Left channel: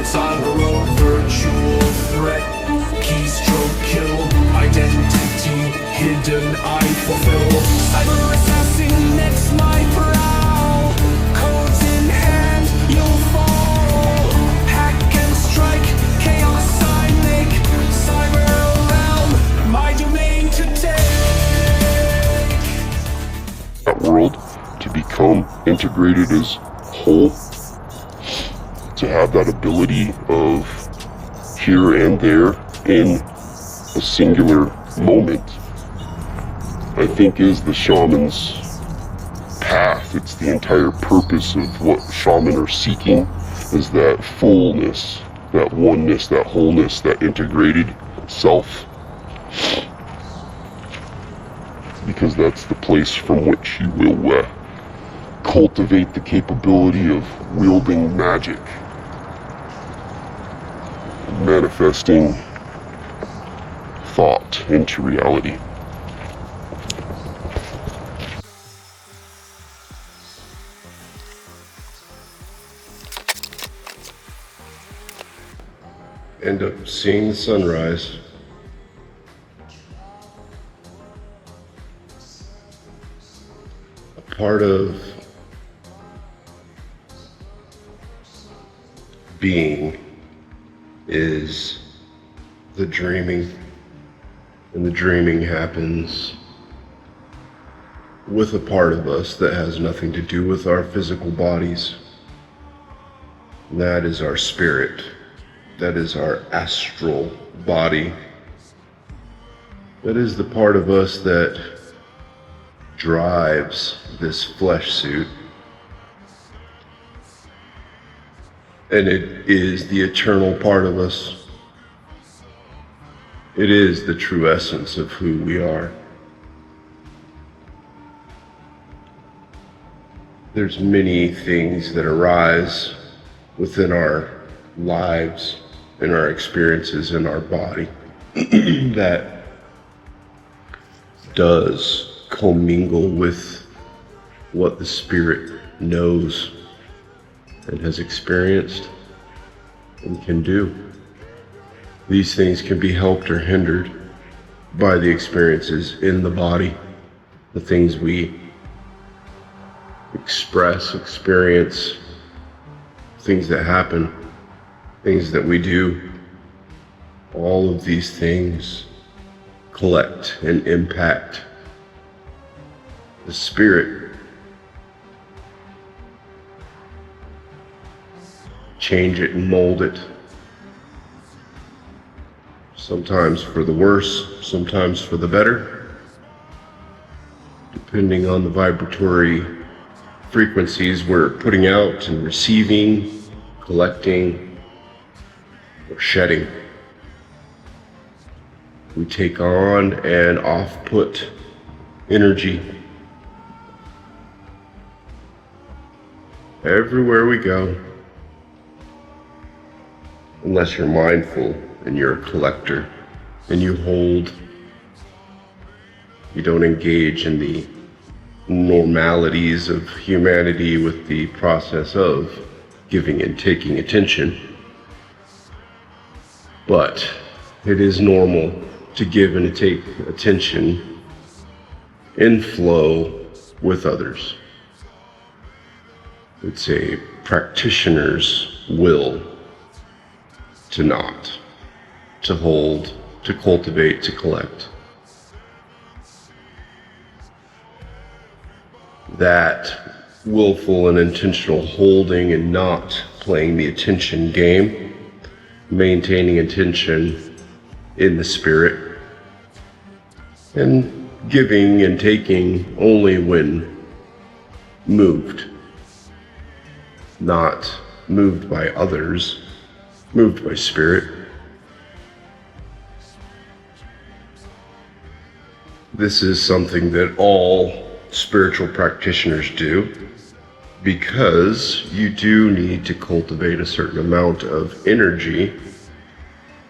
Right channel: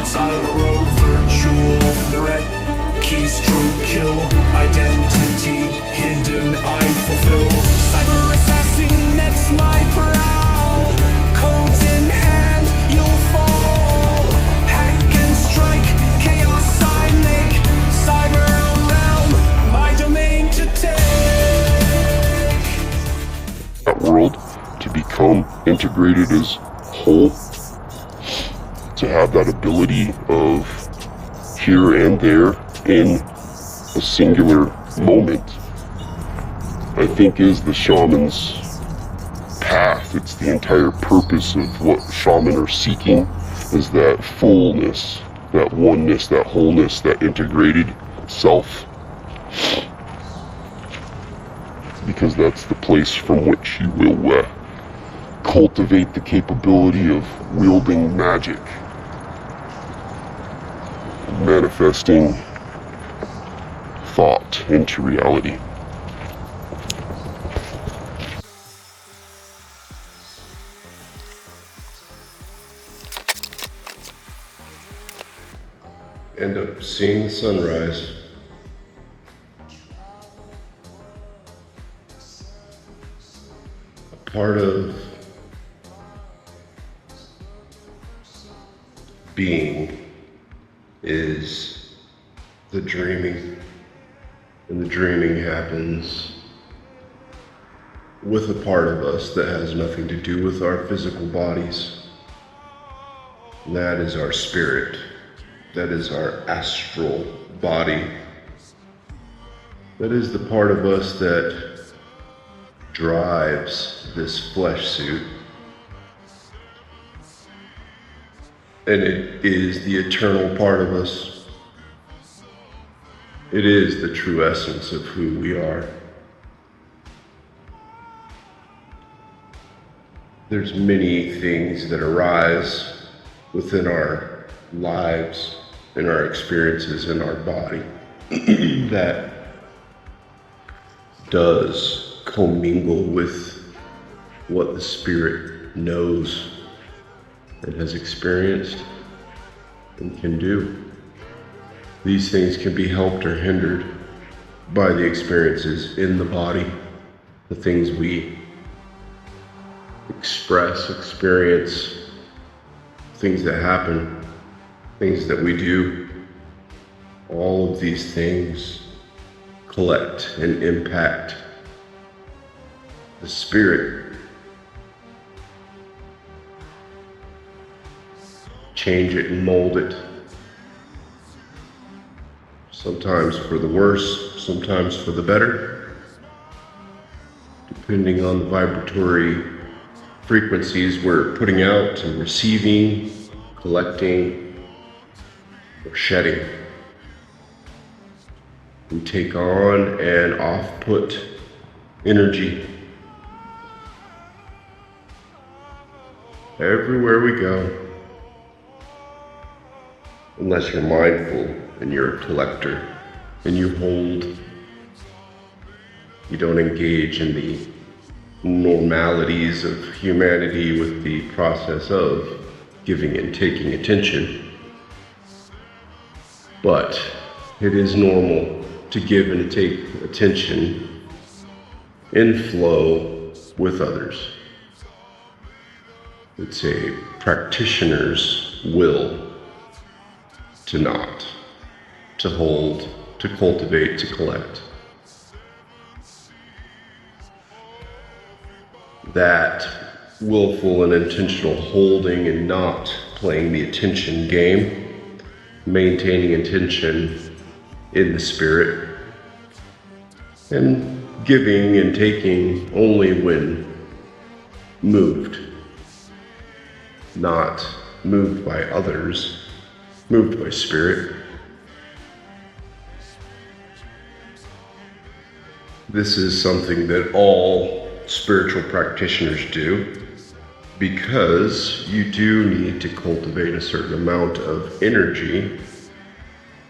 Secrets on the road, virtual threat. Keystroke kill, identity hidden, I fulfill. Cyber assassin, next my prowl. Codes in hand, you'll fall. Hack and strike, chaos I make. Cyber realm, my domain to take. That world to become integrated as whole, to have that ability of here and there in a singular moment, I think is the shaman's path. It's the entire purpose of what shaman are seeking, is that fullness, that oneness, that wholeness, that integrated self. Because that's the place from which you will cultivate the capability of wielding magic, manifesting thought into reality. End up seeing the sunrise. A part of being is the dreaming, and the dreaming happens with a part of us that has nothing to do with our physical bodies. That is our spirit. That is our astral body. That is the part of us that drives this flesh suit. And it is the eternal part of us. It is the true essence of who we are. There's many things that arise within our lives and our experiences in our body that does commingle with what the spirit knows and has experienced and can do. These things can be helped or hindered by the experiences in the body, the things we express, experience, things that happen, things that we do. All of these things collect and impact the spirit, change it and mold it. Sometimes for the worse, sometimes for the better, depending on the vibratory frequencies we're putting out and receiving, collecting, or shedding. We take on and off-put energy everywhere we go. Unless you're mindful and you're a collector and you hold, you don't engage in the normalities of humanity with the process of giving and taking attention. But it is normal to give and take attention in flow with others. It's a practitioner's will to not, to hold, to cultivate, to collect. That willful and intentional holding and not playing the attention game, maintaining attention in the spirit, and giving and taking only when moved, not moved by others, moved by spirit. This is something that all spiritual practitioners do, because you do need to cultivate a certain amount of energy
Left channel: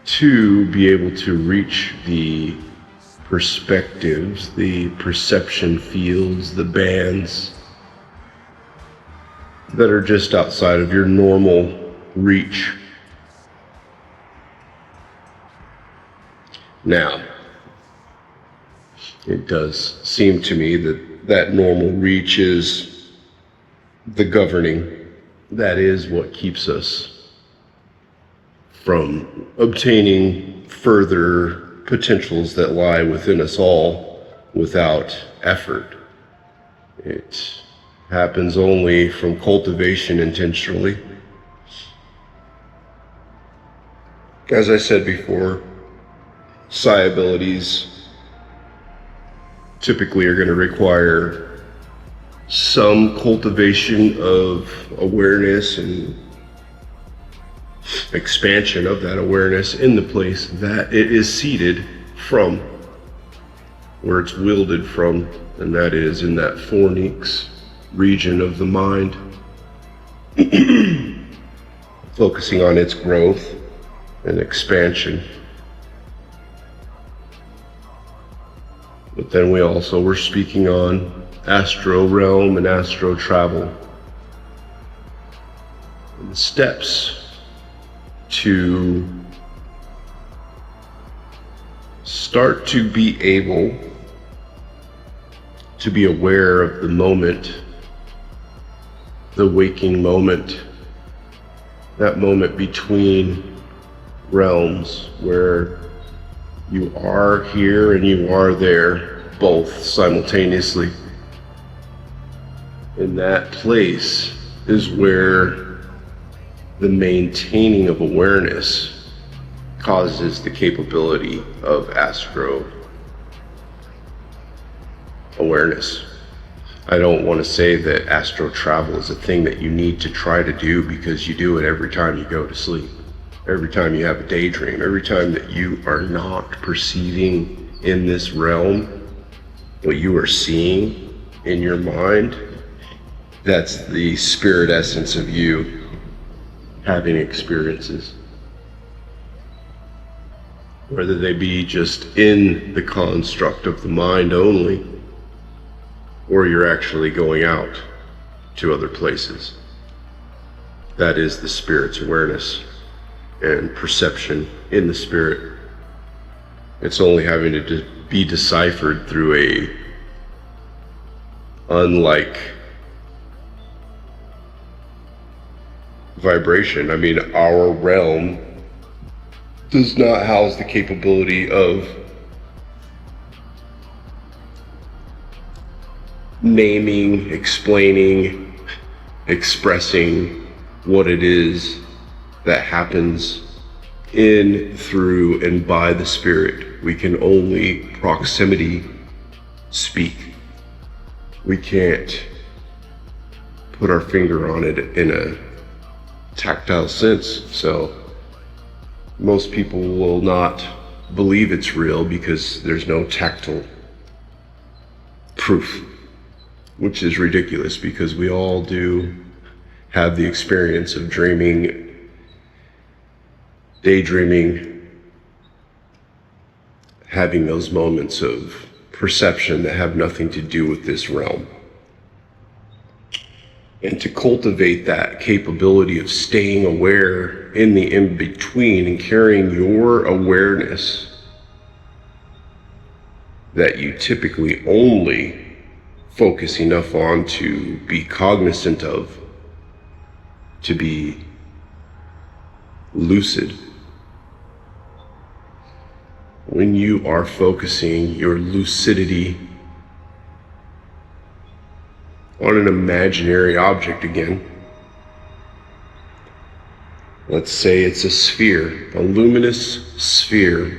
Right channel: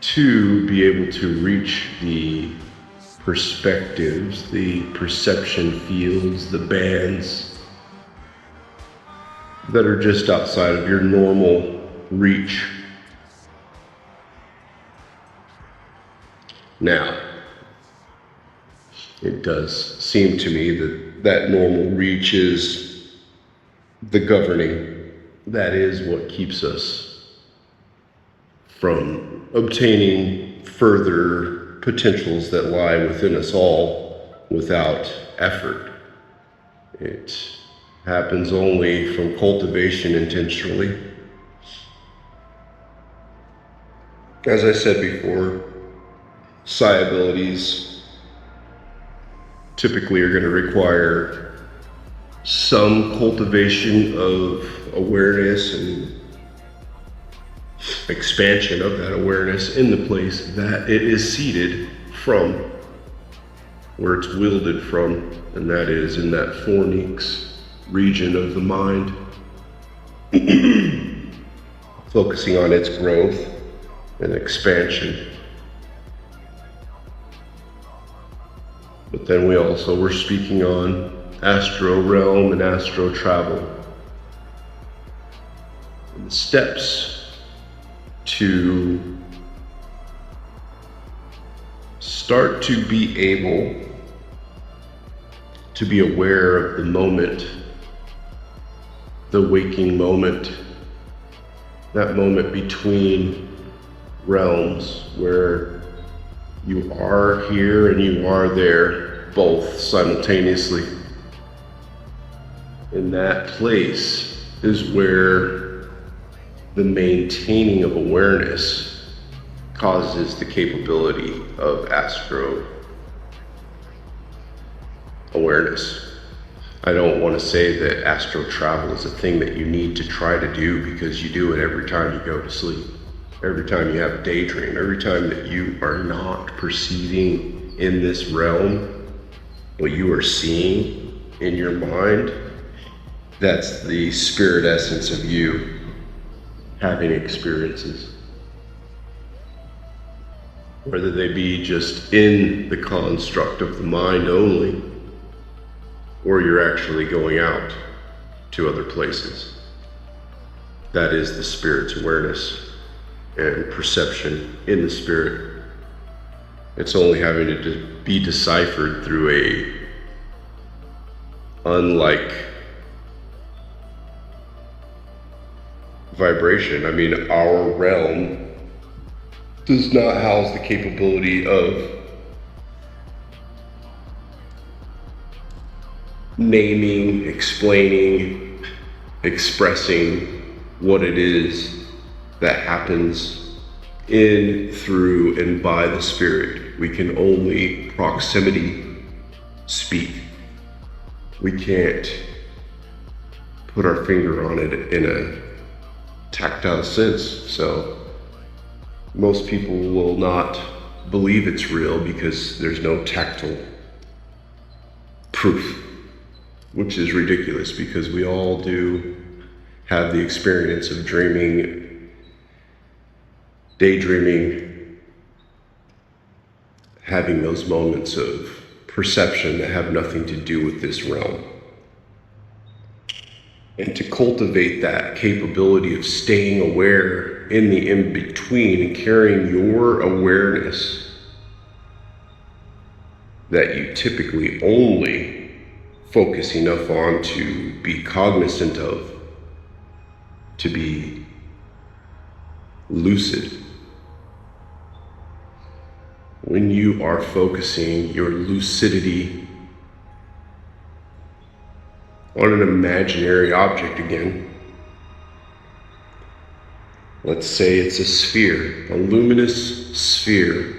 to be able to reach the perspectives, the perception fields, the bands that are just outside of your normal reach Now, it does seem to me that that normal reach is the governing. That is what keeps us from obtaining further potentials that lie within us all without effort. It happens only from cultivation intentionally. As I said before, psi abilities typically are going to require some cultivation of awareness and expansion of that awareness in the place that it is seated from, where it's wielded from, and that is in that fornix region of the mind, focusing on its growth and expansion. But then we also were speaking on astral realm and astral travel, and steps to start to be able to be aware of the moment, the waking moment, that moment between realms where you are here and you are there, both simultaneously. In that place is where the maintaining of awareness causes the capability of astro awareness. I don't want to say that astral travel is a thing that you need to try to do, because you do it every time you go to sleep. Every time you have a daydream, every time that you are not perceiving in this realm what you are seeing in your mind, that's the spirit essence of you having experiences. Whether they be just in the construct of the mind only, or you're actually going out to other places. That is the spirit's awareness and perception in the spirit. It's only having to be deciphered through a unlike vibration. I mean, our realm does not house the capability of naming, explaining, expressing what it is that happens in, through, and by the spirit. We can only proximity speak. We can't put our finger on it in a tactile sense, so most people will not believe it's real because there's no tactile proof, which is ridiculous because we all do have the experience of dreaming, daydreaming, having those moments of perception that have nothing to do with this realm. And to cultivate that capability of staying aware in the in-between and carrying your awareness that you typically only focus enough on to be cognizant of, to be lucid. When you are focusing your lucidity on an imaginary object again, let's say it's a sphere, a luminous sphere,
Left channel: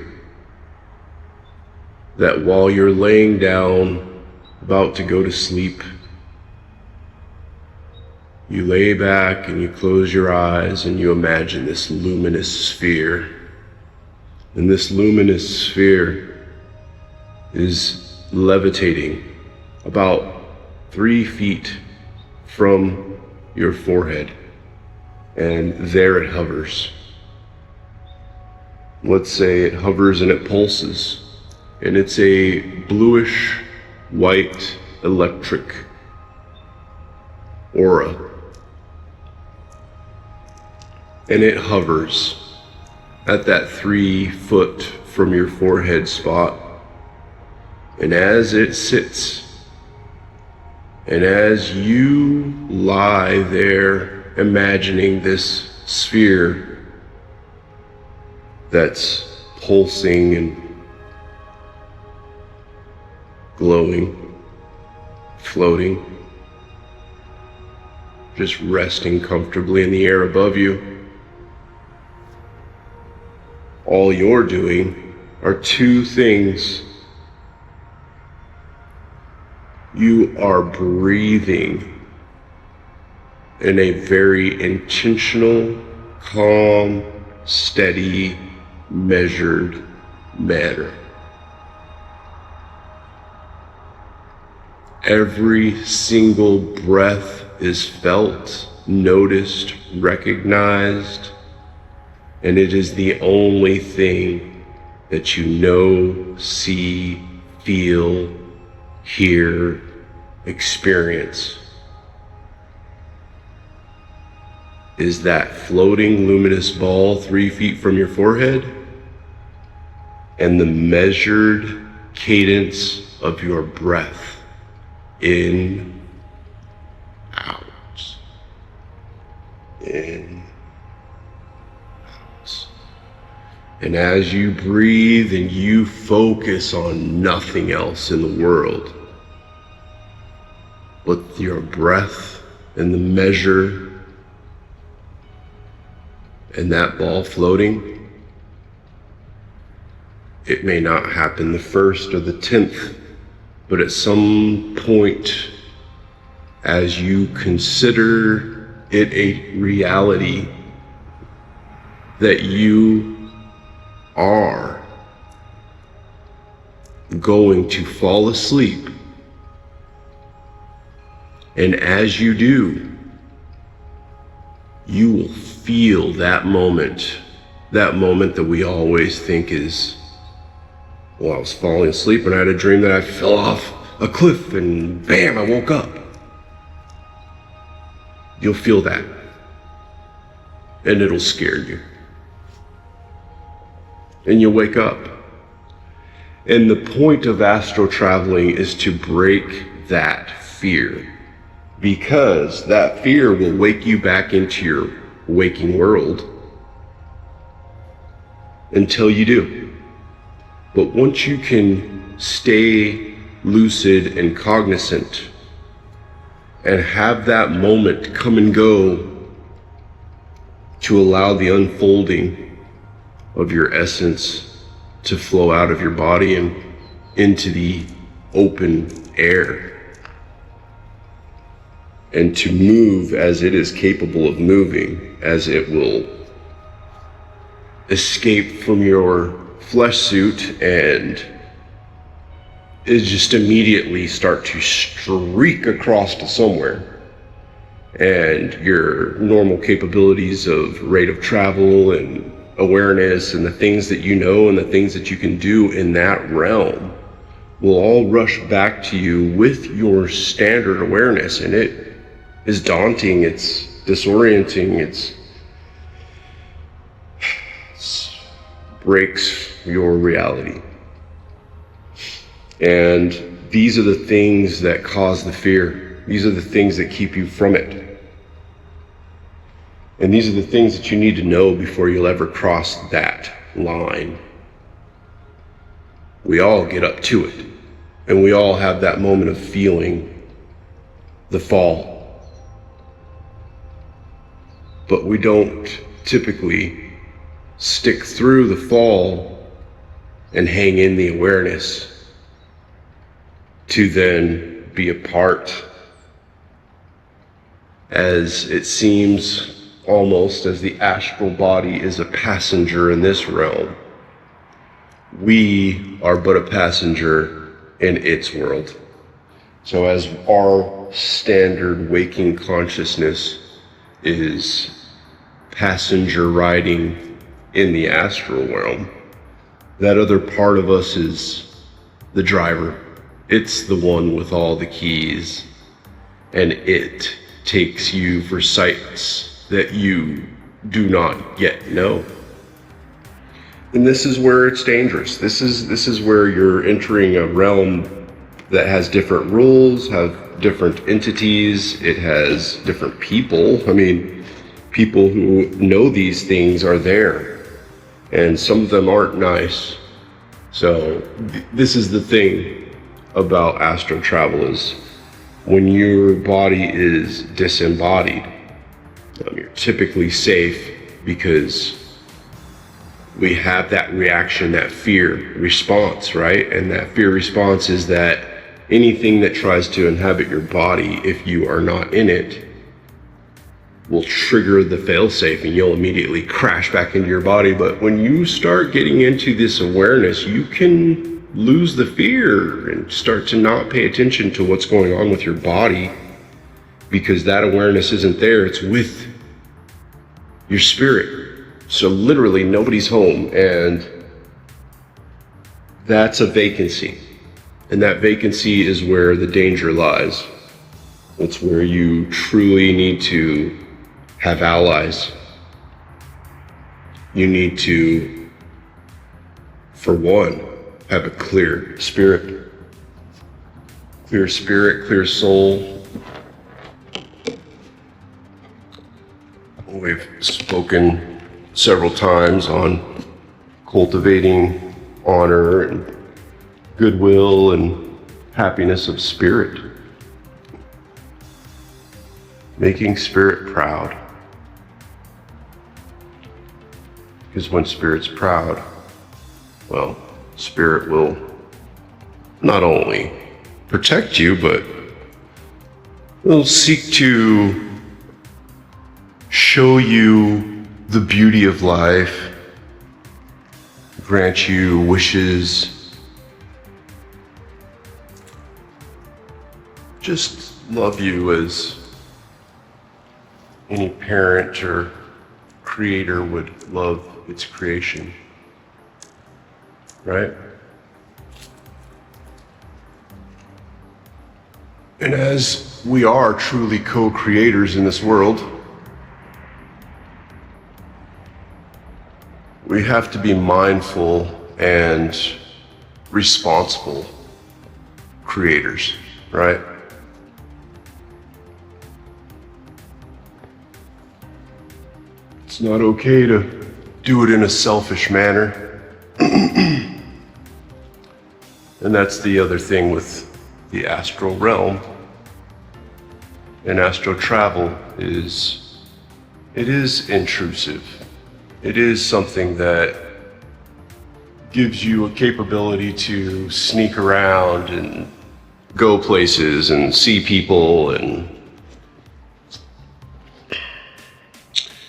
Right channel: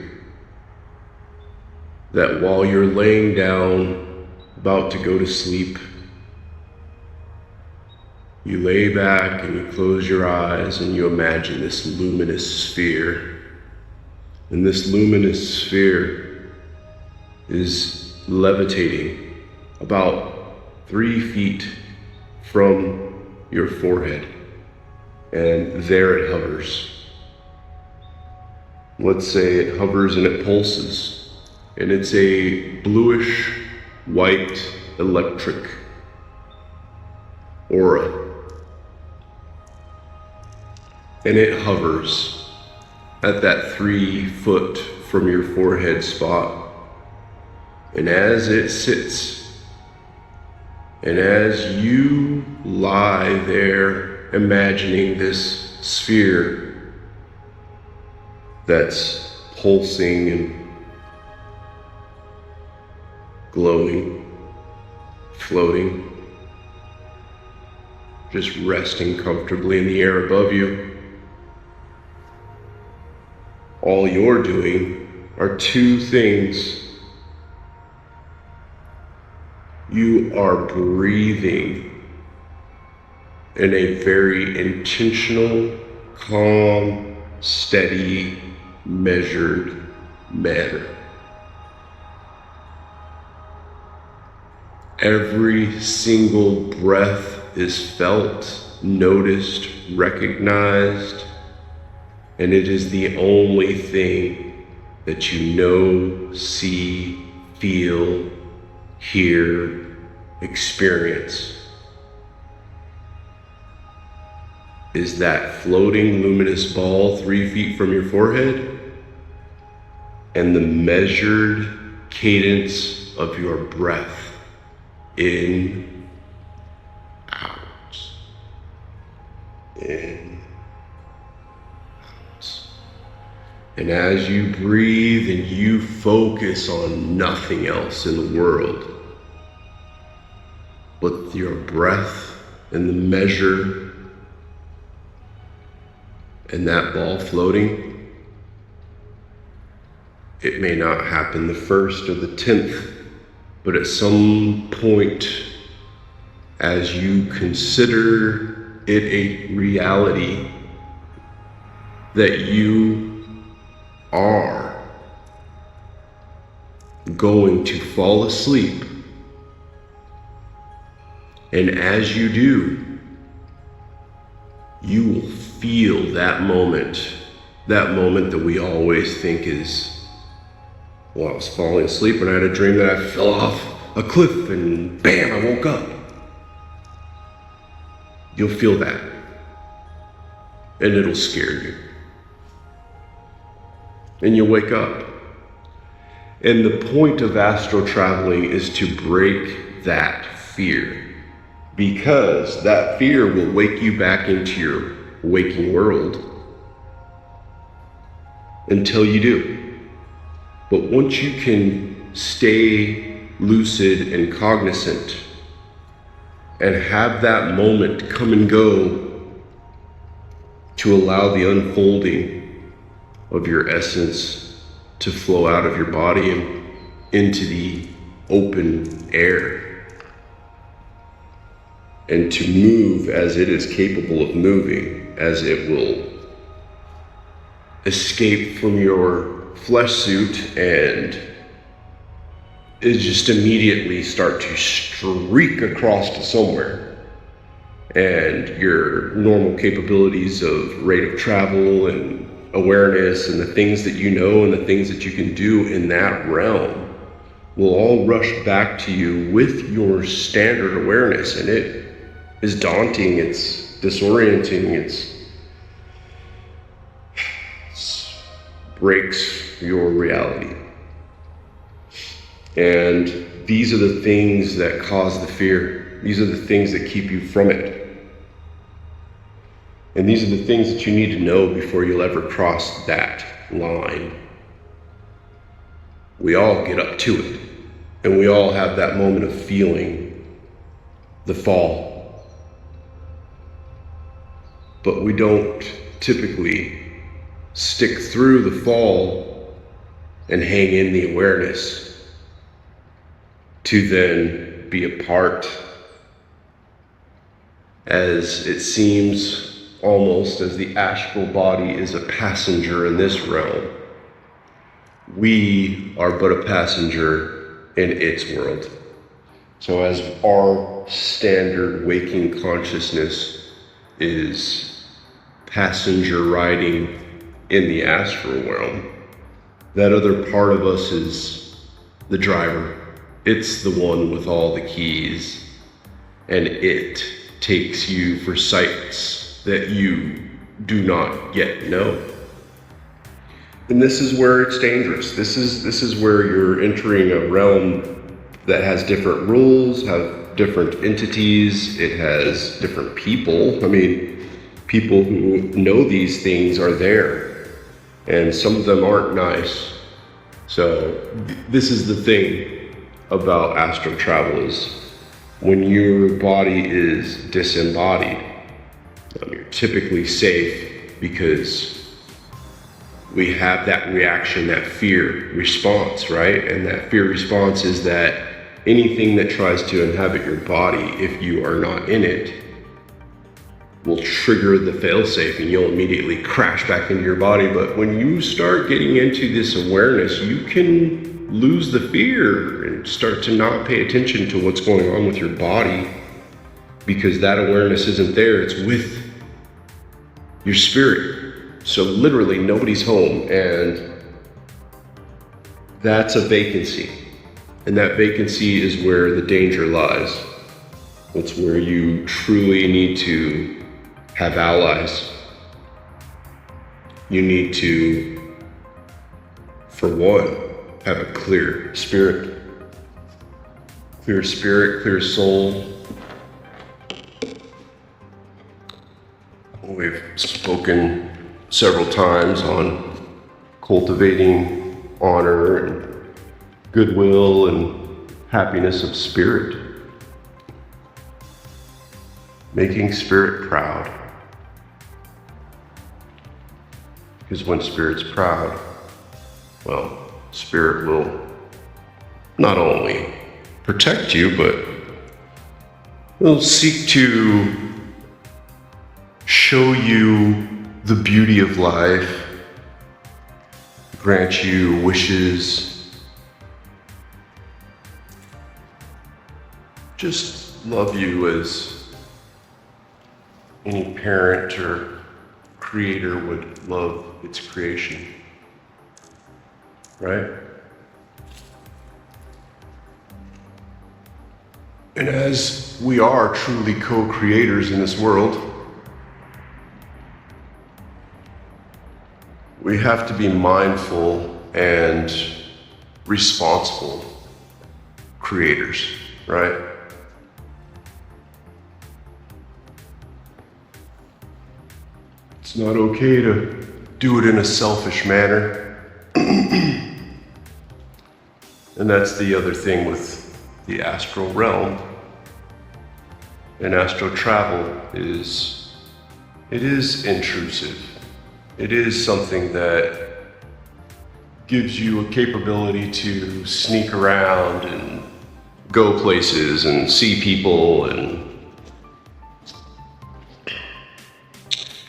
that while you're laying down about to go to sleep, you lay back and you close your eyes and you imagine this luminous sphere. And this luminous sphere is levitating about 3 feet from your forehead. And there it hovers. Let's say it hovers and it pulses. And it's a bluish white electric aura. And it hovers at that 3 foot from your forehead spot. And as it sits, and as you lie there imagining this sphere that's pulsing and glowing, floating, just resting comfortably in the air above you, all you're doing are 2 things. You are breathing in a very intentional, calm, steady, measured manner. Every single breath is felt, noticed, recognized, and it is the only thing that you know, see, feel, hear, experience. Is that floating luminous ball 3 feet from your forehead and the measured cadence of your breath. In, out, in, out. And as you breathe and you focus on nothing else in the world but your breath and the measure and that ball floating, it may not happen the 1st or the 10th, but at some point, as you consider it a reality that you are going to fall asleep, and as you do, you will feel that moment that we always think is, well, I was falling asleep and I had a dream that I fell off a cliff and bam, I woke up. You'll feel that. And it'll scare you. And you'll wake up. And the point of astral traveling is to break that fear. Because that fear will wake you back into your waking world until you do. But once you can stay lucid and cognizant and have that moment come and go to allow the unfolding of your essence to flow out of your body and into the open air, and to move as it is capable of moving, as it will escape from your flesh suit and it just immediately start to streak across to somewhere, and your normal capabilities of rate of travel and awareness and the things that you know and the things that you can do in that realm will all rush back to you with your standard awareness. And it is daunting, it's disorienting, it breaks your reality. And these are the things that cause the fear. These are the things that keep you from it. And these are the things that you need to know before you ever cross that line. We all get up to it, and we all have that moment of feeling the fall. But we don't typically stick through the fall and hang in the awareness to then be a part, as it seems almost as the astral body is a passenger in this realm. We are but a passenger in its world. So as our standard waking consciousness is passenger riding in the astral realm, that other part of us is the driver. It's the one with all the keys, and it takes you for sights that you do not yet know. And this is where it's dangerous. This is where you're entering a realm that has different rules, have different entities, it has different people. I mean, people who know these things are there, and some of them aren't nice. So this is the thing about astral travel is when your body is disembodied, you're typically safe because we have that reaction, that fear response, right? And that fear response is that anything that tries to inhabit your body, if you are not in it, will trigger the failsafe and you'll immediately crash back into your body. But when you start getting into this awareness, you can lose the fear and start to not pay attention to what's going on with your body because that awareness isn't there, it's with your spirit. So literally nobody's home, and that's a vacancy. And that vacancy is where the danger lies. That's where you truly need to have allies. You need to, for one, have a clear spirit. Clear spirit, clear soul. We've spoken several times on cultivating honor and goodwill and happiness of spirit. Making spirit proud. Because when spirit's proud, well, spirit will not only protect you, but will seek to show you the beauty of life, grant you wishes, just love you as any parent or creator would love its creation, right? And as we are truly co-creators in this world, we have to be mindful and responsible creators, right? It's not okay to do it in a selfish manner. And that's the other thing with the astral realm and astral travel is it is intrusive. It is something that gives you a capability to sneak around and go places and see people, and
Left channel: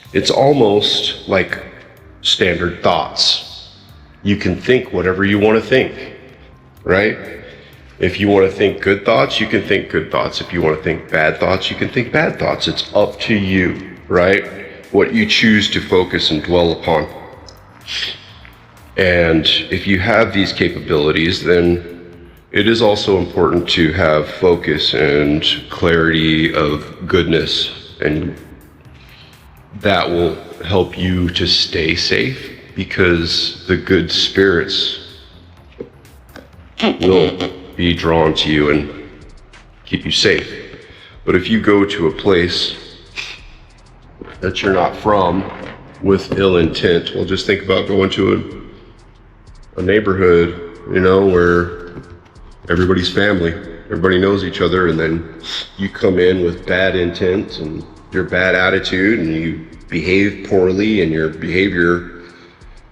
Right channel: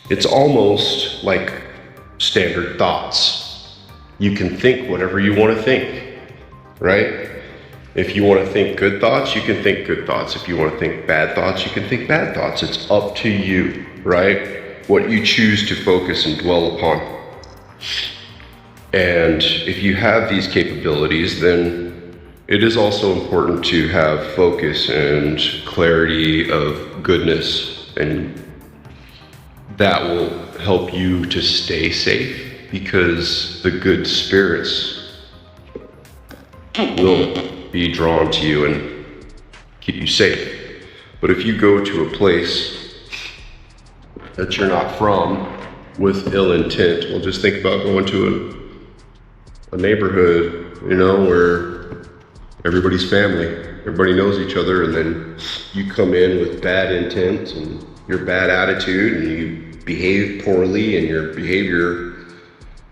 it's almost like standard thoughts. You can think whatever you want to think, right? If you want to think good thoughts, you can think good thoughts. If you want to think bad thoughts, you can think bad thoughts. It's up to you, right? What you choose to focus and dwell upon. And if you have these capabilities, then it is also important to have focus and clarity of goodness, and that will help you to stay safe because the good spirits will be drawn to you and keep you safe. But if you go to a place that you're not from with ill intent, well, just think about going to a neighborhood, where everybody's family, everybody knows each other, and then you come in with bad intent and your bad attitude, and you behave poorly, and your behavior,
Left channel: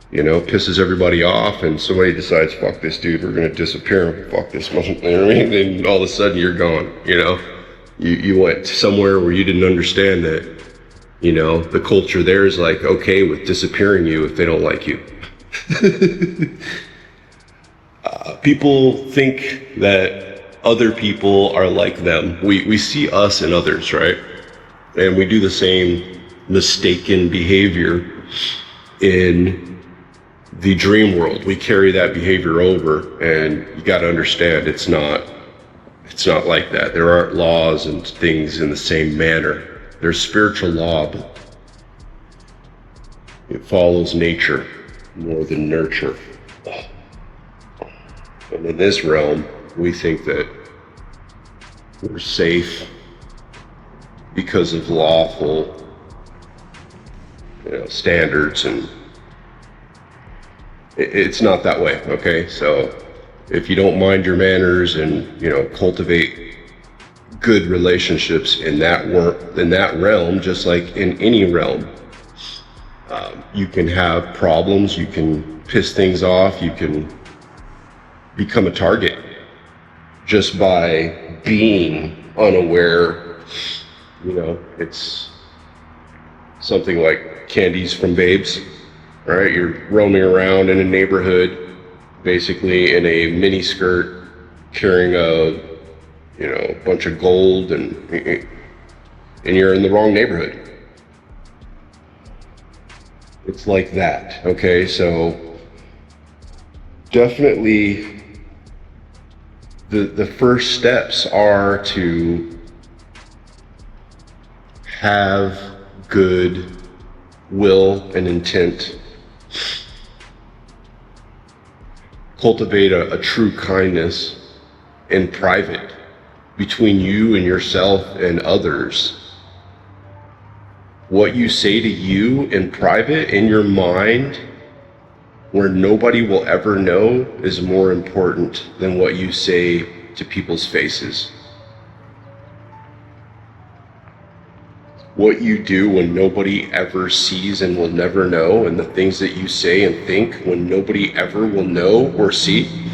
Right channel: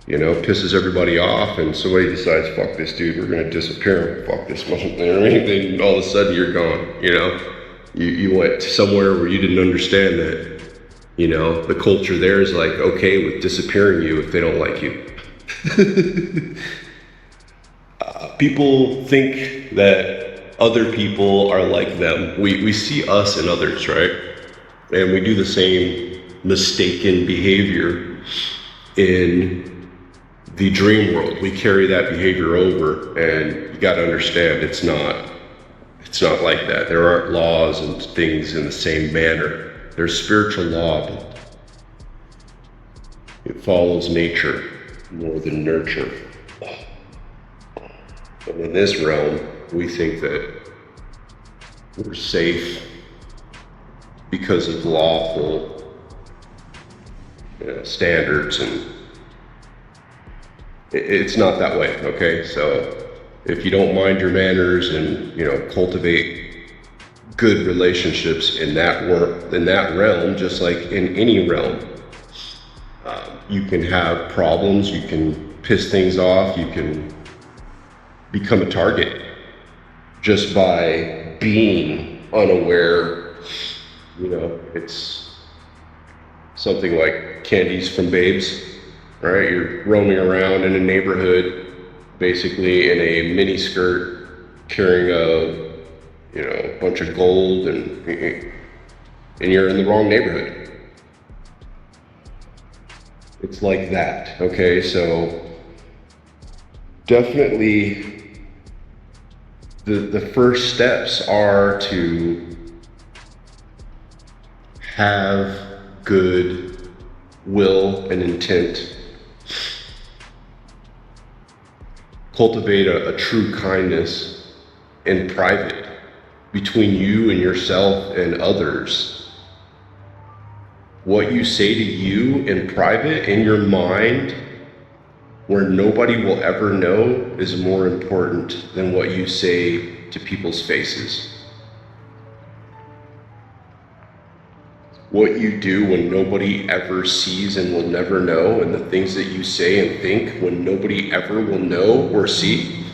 pisses everybody off, and somebody decides, fuck this dude, we're gonna disappear, fuck this one, and all of a sudden you're gone, You went somewhere where you didn't understand that, the culture there is like, okay with disappearing you if they don't like you. People think that other people are like them. We see us and others, right? And we do the same mistaken behavior in the dream world. We carry that behavior over, and you gotta understand it's not like that. There aren't laws and things in the same manner. There's spiritual law. It follows nature. more than nurture. And in this realm, we think that we're safe because of lawful, standards, and it's not that way, okay? So if you don't mind your manners and, cultivate good relationships in that realm, just like in any realm, you can have problems, you can piss things off, you can become a target just by being unaware. It's something like candies from babes. All right, you're roaming around in a neighborhood, basically in a mini skirt, carrying a bunch of gold, and you're in the wrong neighborhood. It's like that. Okay, so definitely the first steps are to have good will and intent. Cultivate a true kindness in private between you and yourself and others. What you say to you in private, in your mind, where nobody will ever know, is more important than what you say to people's faces. What you do when nobody ever sees and will never know, and the things that you say and think when nobody ever will know or see,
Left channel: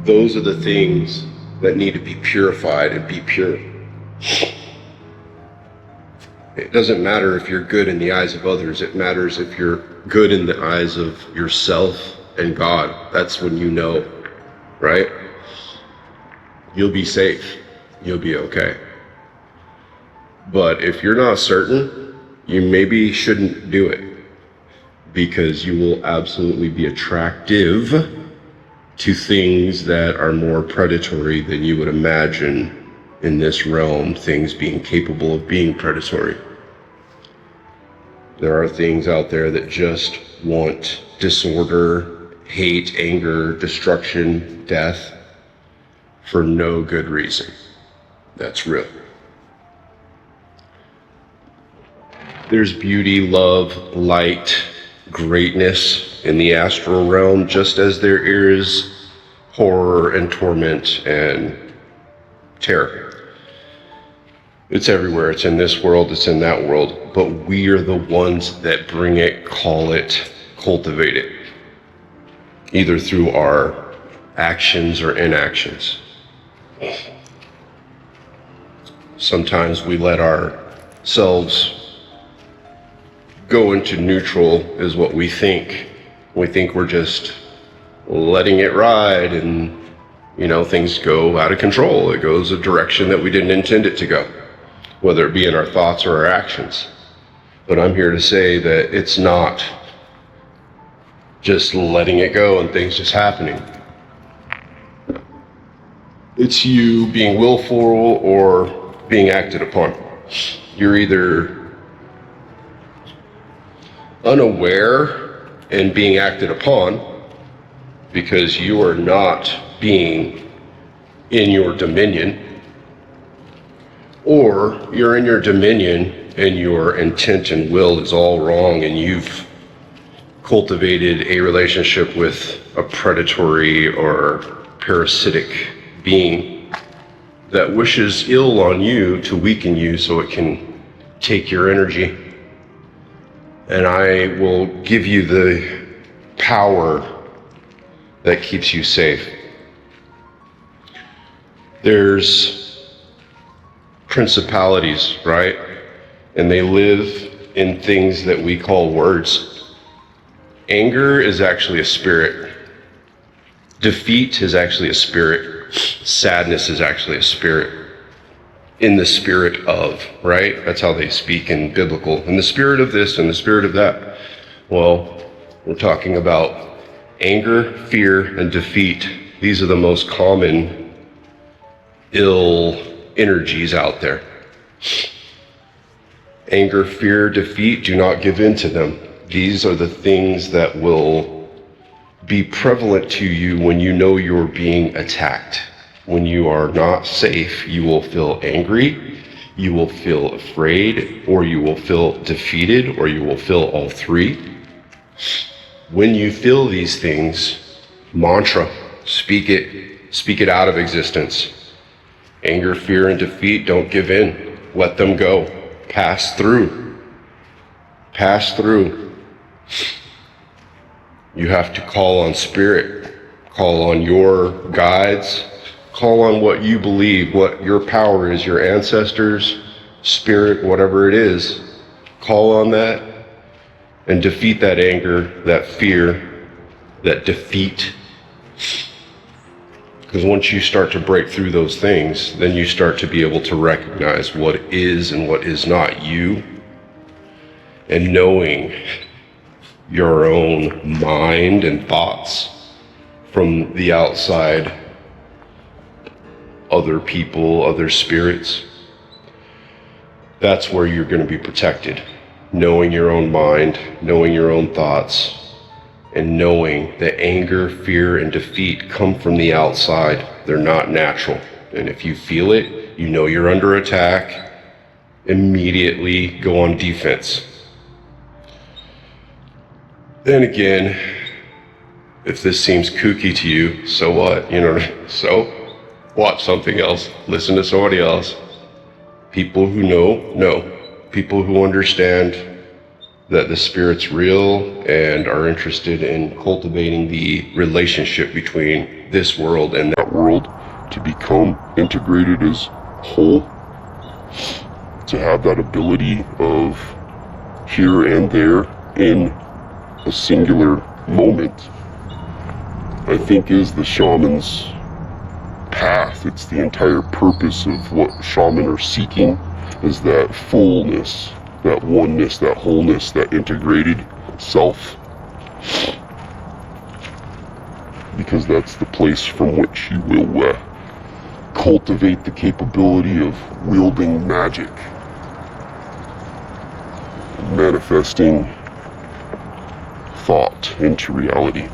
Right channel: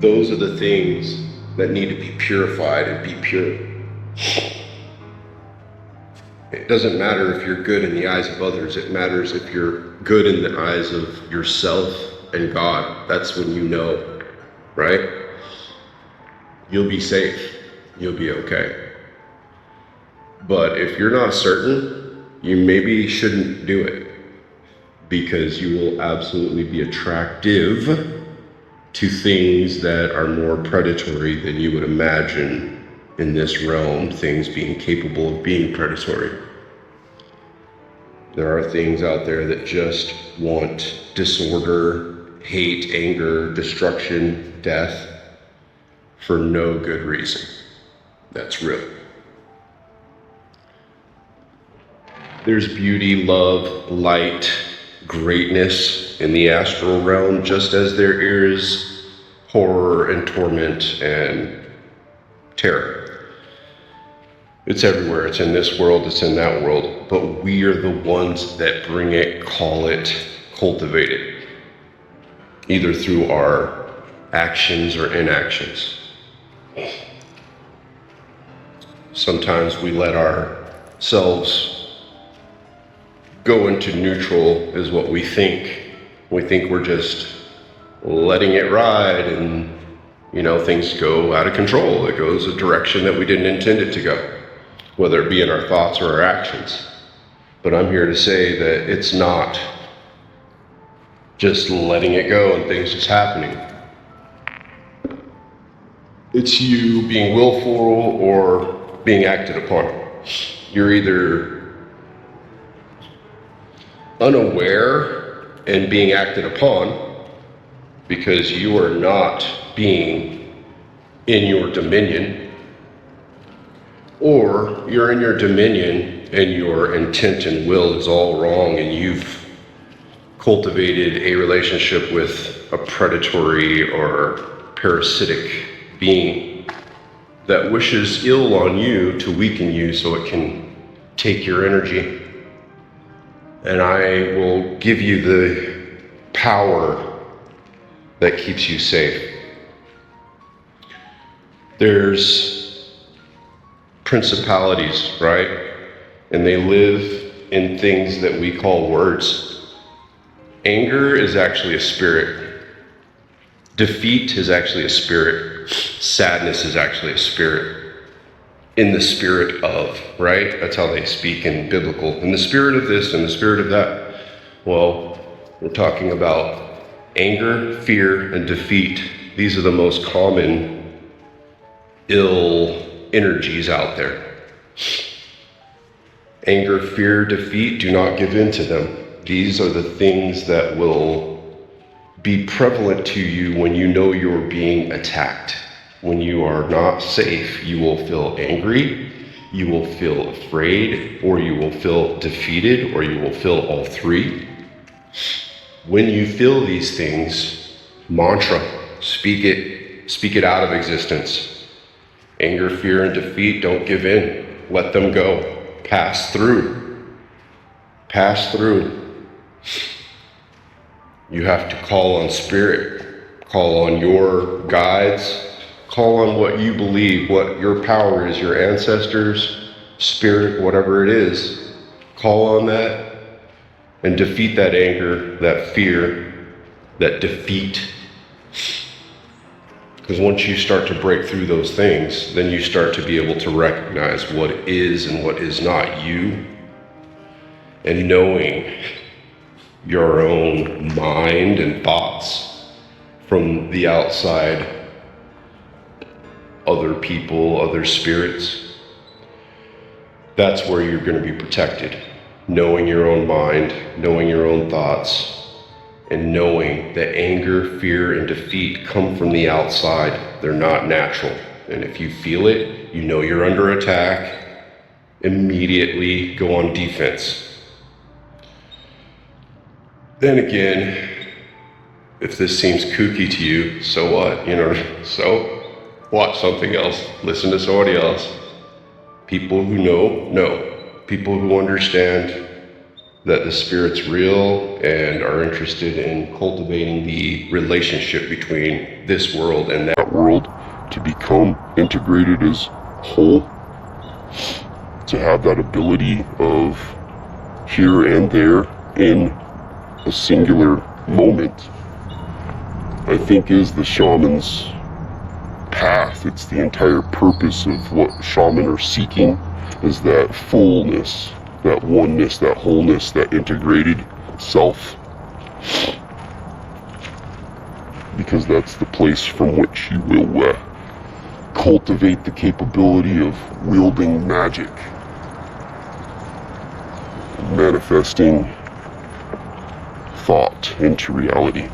those are the things that need to be purified and be pure. It doesn't matter if you're good in the eyes of others. It matters if you're good in the eyes of yourself and God. That's when you know, right? You'll be safe. You'll be okay. But if you're not certain, you maybe shouldn't do it, because you will absolutely be attractive to things that are more predatory than you would imagine in this realm, things being capable of being predatory. There are things out there that just want disorder, hate, anger, destruction, death, for no good reason. That's real. There's beauty, love, light, greatness in the astral realm, just as there is horror and torment and terror. It's everywhere. It's in this world, it's in that world. But we are the ones that bring it, call it, cultivate it, either through our actions or inactions. Sometimes we let ourselves go into neutral, is what we think. We think we're just letting it ride, and things go out of control. It goes a direction that we didn't intend it to go, whether it be in our thoughts or our actions. But I'm here to say that it's not just letting it go and things just happening. It's you being willful or being acted upon. You're either unaware and being acted upon because you are not being in your dominion, or you're in your dominion and your intent and will is all wrong, and you've cultivated a relationship with a predatory or parasitic being that wishes ill on you to weaken you so it can take your energy. And I will give you the power that keeps you safe. There's principalities, right? And they live in things that we call words. Anger is actually a spirit. Defeat is actually a spirit. Sadness is actually a spirit. In the spirit of, right? That's how they speak in biblical. In the spirit of this and the spirit of that. Well, we're talking about anger, fear, and defeat. These are the most common ill energies out there. Anger, fear, defeat, do not give in to them. These are the things that will be prevalent to you when you know you're being attacked. When you are not safe, you will feel angry, you will feel afraid, or you will feel defeated, or you will feel all three. When you feel these things, mantra, speak it out of existence. Anger, fear, and defeat, don't give in. Let them go. Pass through. Pass through. You have to call on spirit, call on your guides, call on what you believe, what your power is, your ancestors, spirit, whatever it is. Call on that and defeat that anger, that fear, that defeat. Because once you start to break through those things, then you start to be able to recognize what is and what is not you. And knowing your own mind and thoughts from the outside, other people, other spirits, that's where you're going to be protected. Knowing your own mind, knowing your own thoughts, and knowing that anger, fear, and defeat come from the outside. They're not natural. And if you feel it, you know you're under attack, immediately go on defense. Then again, if this seems kooky to you, so what? So watch something else, listen to somebody else. People who know. People who understand that the spirit's real and are interested in cultivating the relationship between this world and that world, to become integrated as whole, to have that ability of here and there in a singular moment, I think is the shaman's path. It's the entire purpose of what shaman are seeking, is that fullness, that oneness, that wholeness, that integrated self. Because that's the place from which you will cultivate the capability of wielding magic, manifesting thought into reality.